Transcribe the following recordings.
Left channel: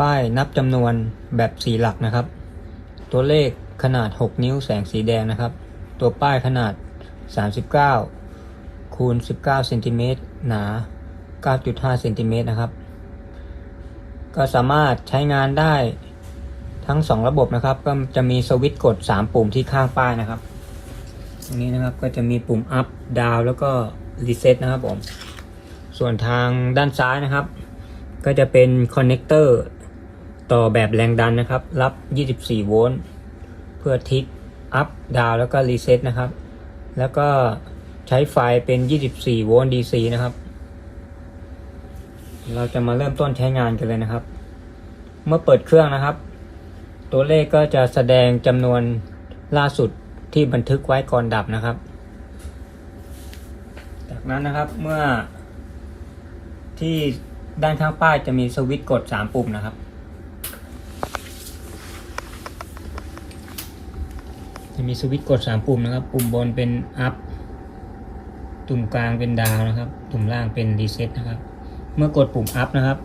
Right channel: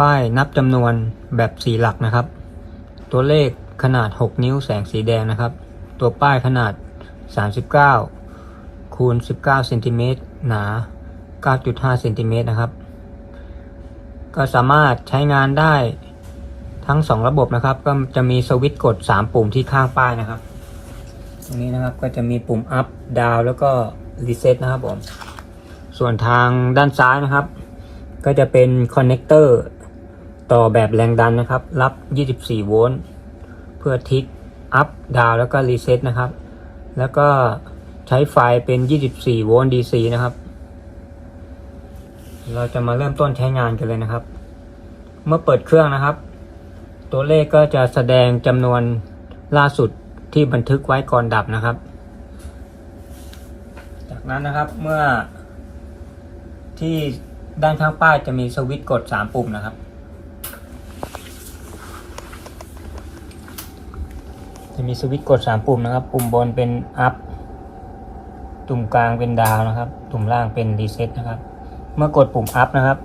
ป้ายนับจำนวนแบบสีหลักนะครับ ตัวเลขขนาด 6 นิ้วแสงสีแดงนะครับ ตัวป้ายขนาด 39 คูณ 19เซนติเมตรหนา 9.5เซนติเมตรนะครับ ก็สามารถใช้งานได้ทั้ง 2 ระบบนะครับ ก็จะมีสวิตช์กด 3 ปุ่มที่ข้างป้ายนะครับ ตรงนี้นะครับก็จะมีปุ่ม up down แล้วก็ reset นะครับผม ส่วนทางด้านซ้ายนะครับ ก็จะเป็นคอนเนคเตอร์ ต่อแบบแรงดันนะครับ รับ 24 โวลต์ เพื่อทิก up down แล้วก็ reset นะครับ แล้วก็ใช้ไฟเป็น 24 โวลต์ DC นะครับ เราจะมาเริ่มต้นใช้งานกันเลยนะครับ เมื่อเปิดเครื่องนะครับ ตัวเลขก็จะแสดงจำนวนล่าสุดที่บันทึกไว้ก่อนดับนะครับ จากนั้นนะครับเมื่อที่ด้านข้างป้ายจะมีสวิตช์กด 3 ปุ่มนะครับ จะมีสวิตช์กด 3 ปุ่มนะครับ ปุ่มบนเป็น up ตุ่มกลางเป็นดาวนะครับ ตุ่มล่างเป็น reset นะครับ เมื่อกดปุ่ม up นะครับ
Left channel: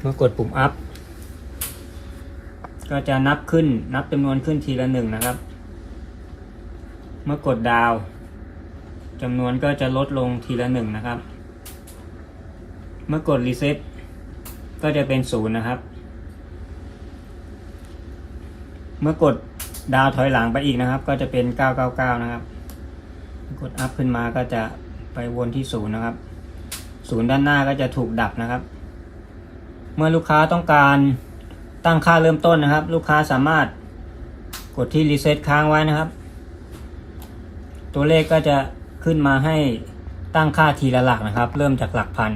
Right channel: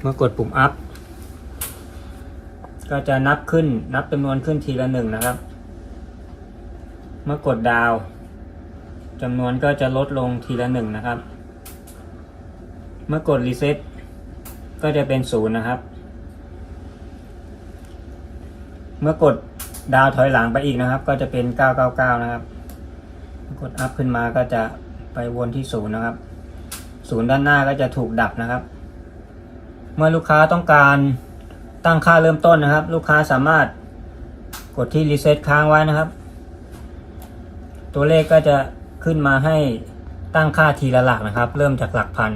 เมื่อกดปุ่ม up ก็จะนับขึ้นนับจำนวนขึ้นทีละหนึ่งนะครับ เมื่อกดดาวจำนวนก็จะลดลงทีละหนึ่งนะครับ เมื่อกดรีเซ็ตก็จะเป็นศูนย์นะครับ เมื่อกด ดาวถอยหลังไปอีกนะครับ ก็จะเป็น 999 นะครับ กดอัพขึ้นมาก็จะไปวนที่ศูนย์นะครับ ศูนย์ด้านหน้าก็จะถูกดับนะครับ เมื่อลูกค้าต้องการตั้งค่าเริ่มต้นนะครับ ลูกค้าสามารถกดที่รีเซ็ตค้างไว้นะครับ ตัวเลขก็จะขึ้นมาให้ตั้งค่าทีละหลักนะครับ เริ่มจากหลักพัน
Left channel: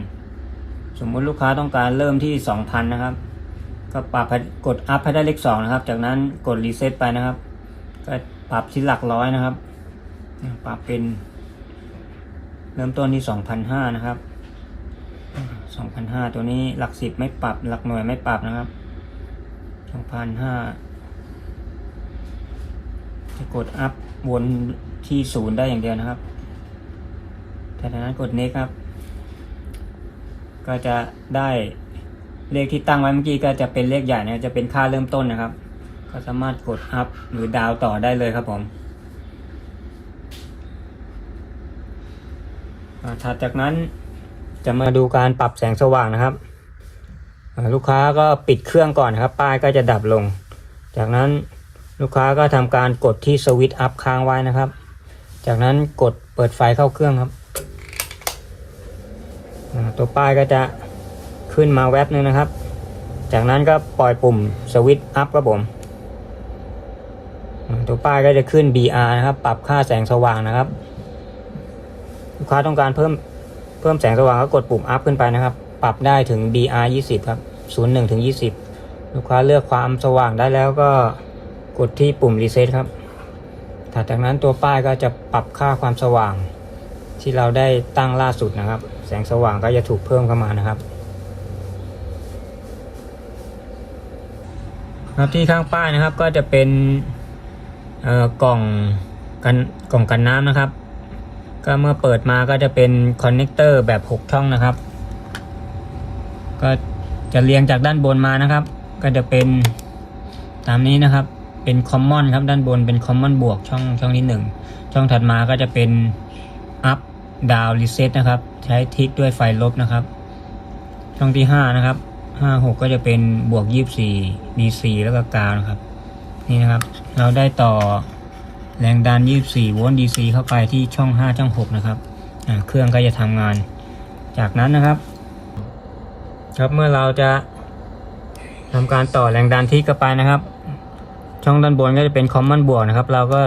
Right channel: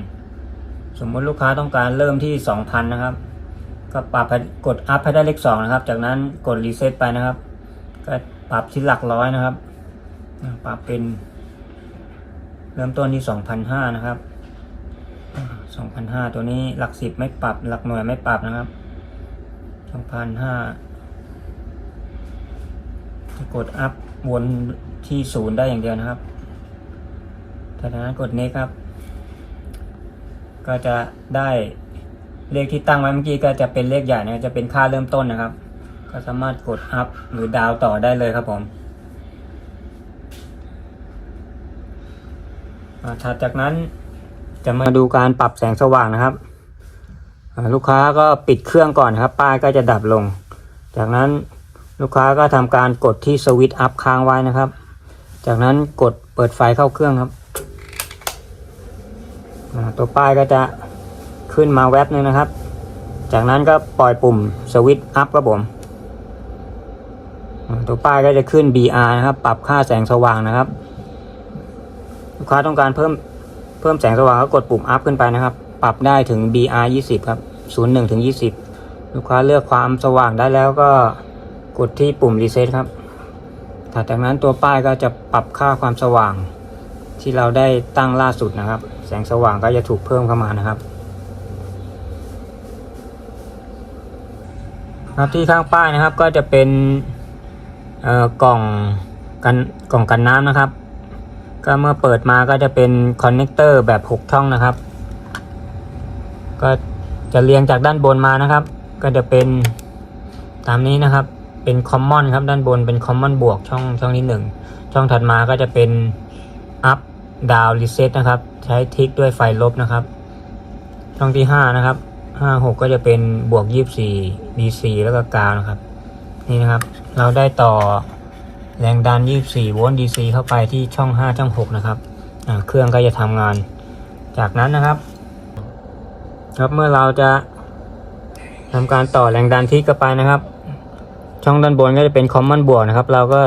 สมมุติลูกค้าต้องการเริ่มที่ 2,000 นะครับ ก็ปรับกดอัพให้ได้เลข2นะครับ จากนั้นกดรีเซ็ตไปนะครับ ก็ปรับที่หลักร้อยนะครับ ปรับเป็น เริ่มต้นที่2,500นห้านะครับ2,500ตัวนี้หลักสิบไม่ปรับ หลักหน่วยไม่ปรับนะครับ2,500จะกดอัพวนที่ศูนย์ได้อย่างเดียวนะครับจากนั้นกด next ครับ ก็จะได้ เลขที่ตั้งไว้เมื่อกี้ก็จะเป็นเลขใหญ่นะจะเป็นค่าเริ่มต้นนะครับ ก็สามารถกดอัพหรือดาวต่อได้เลยครับผมถัดจากนั้นจะมาดูการปรับแสงสว่างนะครับ ลูกค้าก็ปิดเครื่องก่อนนะครับ ป้ายก็จะดับลง จากนั้นลูกค้าก็ทำการกดที่สวิตช์อัพค้างไว้นะครับ จากนั้นกดเปิดไฟเข้าเครื่องครับ ตัวป้ายก็จะ ขึ้นมาแวบหนึ่งนะครับ จากนั้นก็ปล่อยปุ่มสวิตช์อัพครับผมตัวป้ายก็จะขึ้น BR นะครับ ปรับค่าแสงสว่างนะครับ ลูกค้าต้องการเพิ่มเพิ่มแสงสว่างก็กดปุ่มอัพขึ้นไปนะครับ ปรับได้ถึง BR 20ครับ01ถึง20 ลูกค้าเลือกความสว่างได้แล้วก็กดที่ปุ่มรีเซ็ตครับถัดจากนั้นตัวป้ายก็จะปรับค่าความสว่าง ที่เราได้ตั้งล่าสุดนะครับ แสงสว่างก็จะถูกเพิ่มเข้ามานะครับ ครับที่ข้างป้ายนะครับก็จะเป็นกล่องกันกล่องกันน้ำนะครับ ก็เมื่อเปิดมาก็จะเป็นคอนเนคเตอร์แบบ6ช่องนะครับ ก็จะเรียงจากด้านบนมานะครับ ก็จะเป็นตามนี้นะครับเป็นคอมมอนครับด้านบนเป็นคอมมอนบวกช่องช่องที่1ช่องถัดมาก็จะเป็น up down reset นะครับ ใช้ทิกด้วยไฟลบนะครับ ช่องที่ 5 นะครับ 5 6ก็จะเป็นบวก24 DC แล้วก็กาวนะครับ นี่นะครับ เราได้ต่อแรงดัน24โวลต์ DC เข้าไปที่ช่อง5ช่อง6นะครับเครื่องก็จะทำงาน จากนั้นนะครับ ครับเมื่อเราจะทำการต่อแรงดันที่เข้าไปนะครับ ช่องด้านบนก็จะเป็นคอมมอนบวกนะครับ เราก็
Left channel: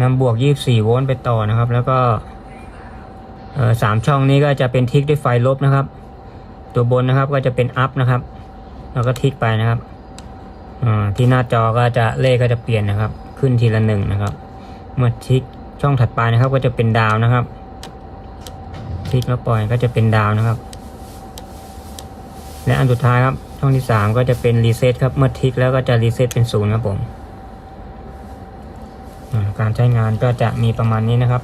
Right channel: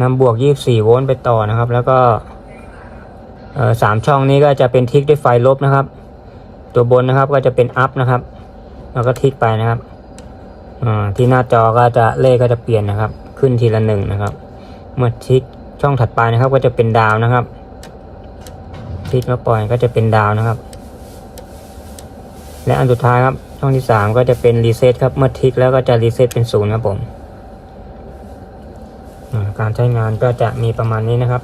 นำบวก24โวลต์ไปต่อนะครับ แล้วก็สามช่องนี้ก็จะเป็นทิกด้วยไฟลบนะครับ ตัวบนนะครับก็จะเป็นอัพนะครับ แล้วก็ทิกไปนะครับที่หน้าจอก็จะเลขก็จะเปลี่ยนนะครับ ขึ้นทีละหนึ่งนะครับ เมื่อทิกช่องถัดไปนะครับ ก็จะเป็นดาวนะครับทิกแล้วปล่อยก็จะเป็นดาวนะครับ และอันสุดท้ายครับ ช่องที่สามก็จะเป็นรีเซ็ตครับเมื่อทิกแล้วก็จะรีเซ็ตเป็นศูนย์ครับผมการใช้งานก็จะมีประมาณนี้นะครับ